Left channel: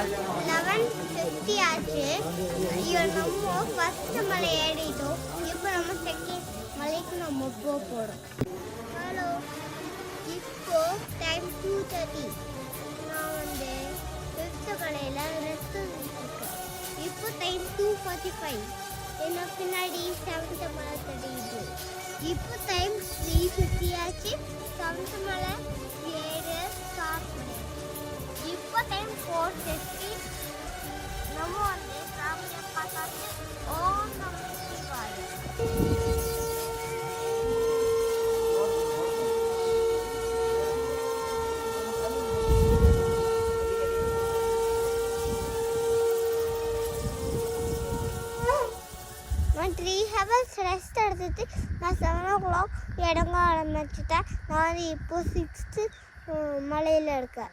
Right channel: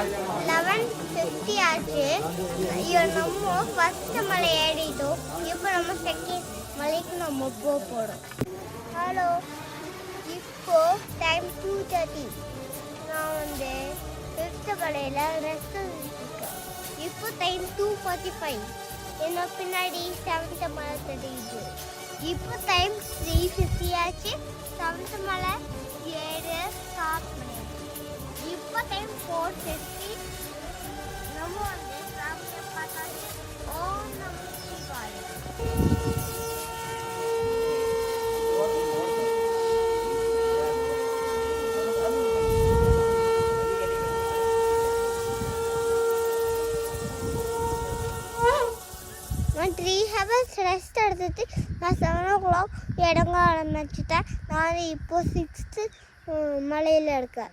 11:50 ஆச்சு. ஐயோ நம்ம ஃபர்ஸ்ட் மலை ஏறிட்டோம். இப்போ நம்ம செகண்ட் மலைக்கு நம்ம போகிறோம். ஹலோ, இப்போ டைம் 2:30. நான் வந்து ஃபிஃப்த் மலையில் ரெஸ்ட் இருக்கேன். இப்போ டைம் 2:45. என்ன பின்னாடி 7th மலை தெரியுது. இப்போ டைம் 3:50 ஆச்சு. 7th மலை ஏற ஸ்டார்ட் பண்ணி. இப்போ டைம் 4:50. நம்ம வந்து சாமியை பார்த்தாச்சு. ஓம் நம சிவாய. நான் 3 hours ரெஸ்ட் எடுத்துட்டு நான் 7 o'clock இடங்க ஆரம்பிச்சுட்டேன். நான் இப்போ 6th மலையில் இருக்கேன்.